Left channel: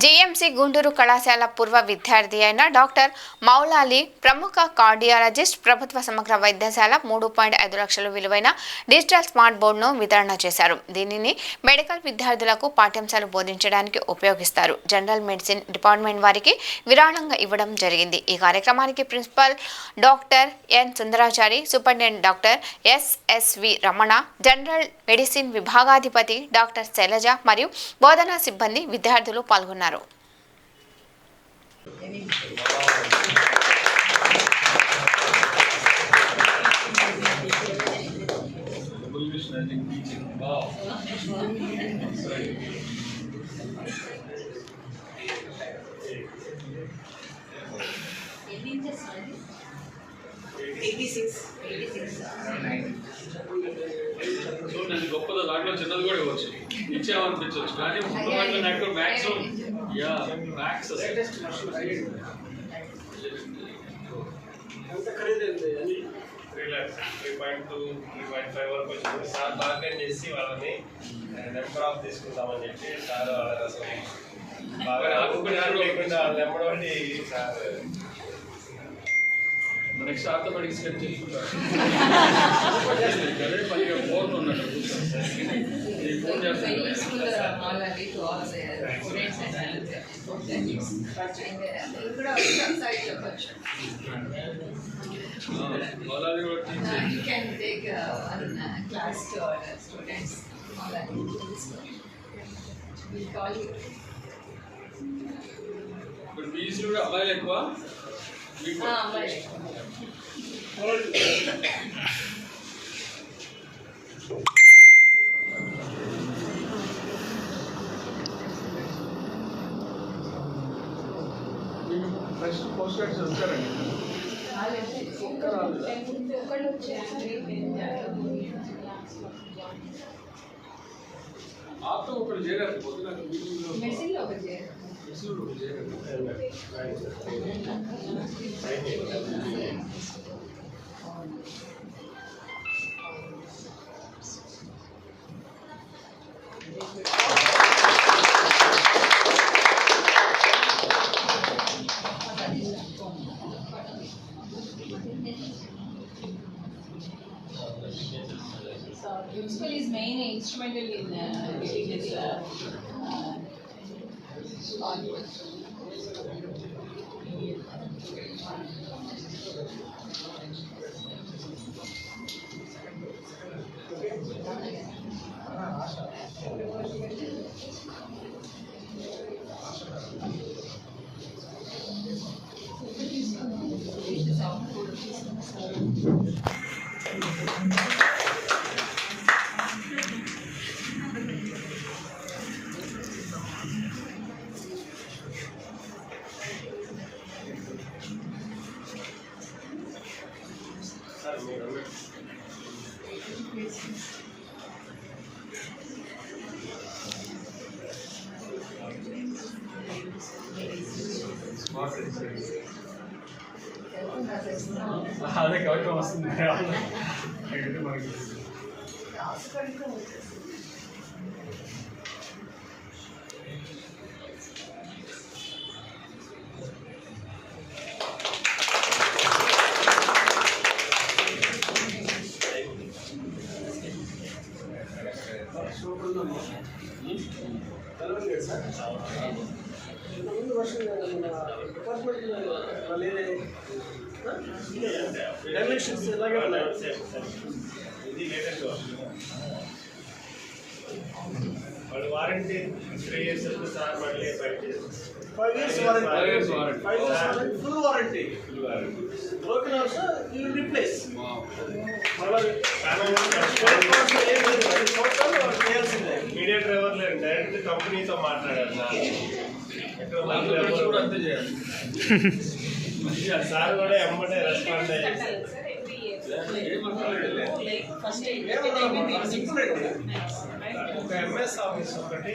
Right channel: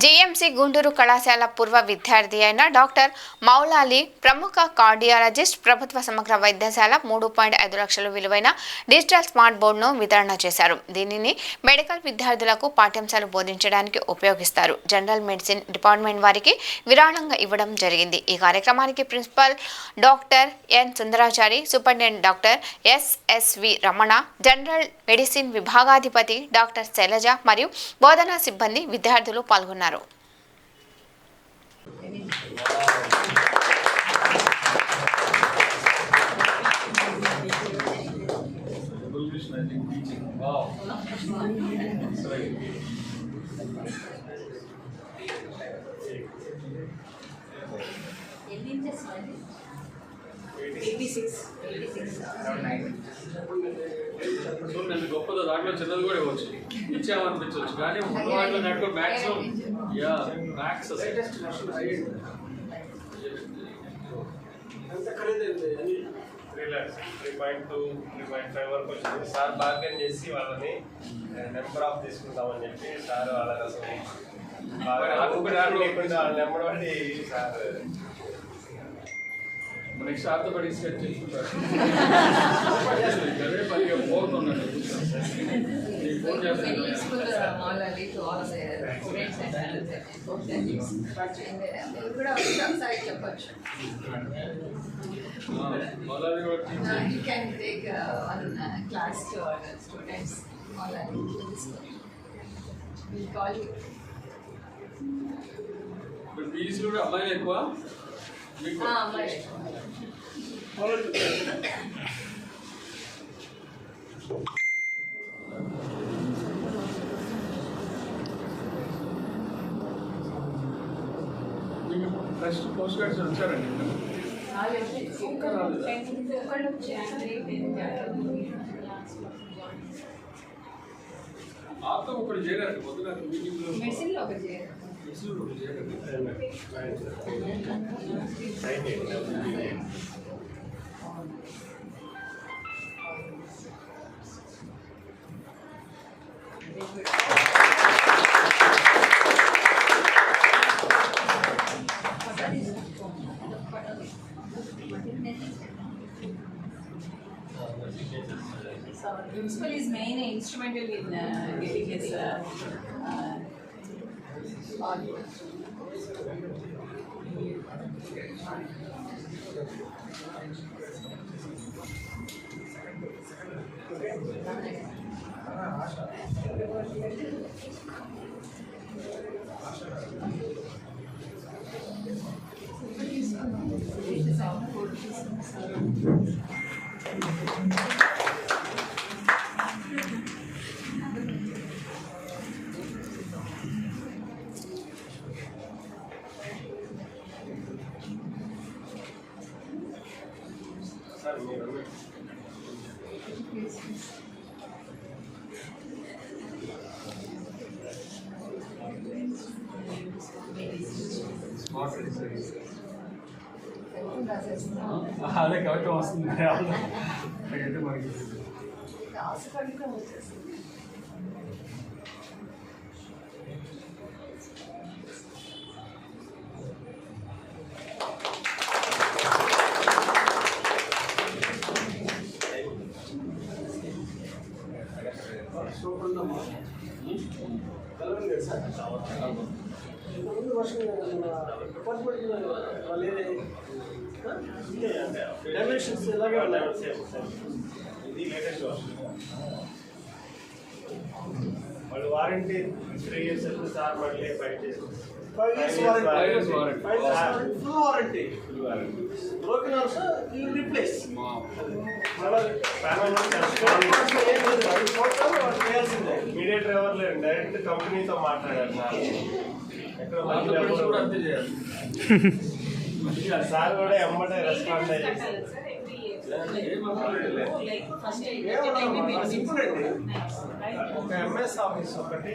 JMC Guntur కళాశాల పూర్వ విద్యార్థి అయిన డాక్టర్ మౌలాలి ప్రముఖ కార్డియాలజిస్ట్ ప్రభుత్వ సమగ్ర వైద్యశాల 3.5 లక్షల విలువైన డిజిటల్ స్మార్ట్ బోర్డును వితరణ చేశారు. దీనిని మెడికల్ విద్యార్థులకు పాఠ్యాంశాలు బోధించడానికి ఉపయోగిస్తారు. జనరల్ మెడిసిన్ డిపార్ట్మెంట్ వారికి విరాళంగా ఇవ్వడం జరిగింది. ఈ కార్యక్రమానికి principal doctor N Sundarachari, superintendent doctor SSV Ramana, general medicine విభాగాధిపతి డాక్టర్ శైలజ మరియు బోధనా సిబ్బంది విద్యార్థులు పాల్గొన్నారు. చూడండి, గొప్పదో దాంట్లో చిన్నది కూడా ఇవ్వచ్చు, ఇచ్చామనిపించవచ్చు, కానీ వాటిలో నాకు మ్యాక్సిమం మ్యాక్స్ ఎంత ఖరీదైంది అని 3 lakhs 3.2 3.5 వరకు వచ్చింది. సార్ బార్గెన్ చేసి వాళ్ళని నెంబర్ ఆఫ్ తీసుకుంటామని చెప్పి సార్ వాళ్ళ కోసం బాగా లేకుండా వాళ్ళ నెంబర్ బట్టి సార్ నెక్స్ట్ ఆర్థోపెడిక్స్ సెట్ చేసుకుంటారు. అదే పనిగా ఫోన్ ఉన్నట్టు ఫోన్ చేస్తారు. ఫీజులు కూడా అబ్బాయిలు ఎక్కువ. నెక్స్ట్ పోస్ట్ కార్డ్స్ వచ్చారండి. ఆతో ఒకటి చేరారు పొద్దున మీటింగ్లో. మెడిసిన్లో ఒకటి చేరారు. Principal is main instrumental in getting this అదే కవిత్వం వస్తుంది మనకి. ఇంతకుముందు వర్షం డిపార్ట్మెంట్ వాళ్ళు డైమెన్షన్స్ ఇలాగే ఉన్నాయి. ఇది లేటెస్ట్ వర్షన్. వాళ్ళు వారంటీ 3 years సార్ మళ్ళీ 5 years 5 years warranty full warranty. Broken also you will replace. Mediator ఎవరు లేరు, డైరెక్ట్ కంపెనీతో మాట్లాడారు సార్. ఎక్కడ కూడా అంతే చేయాలి. సార్ కూడా ఎమ్మటే రెస్పాండ్ అయ్యారు. ఒక ఎంఎస్ ఆఫీస్ ఒకటి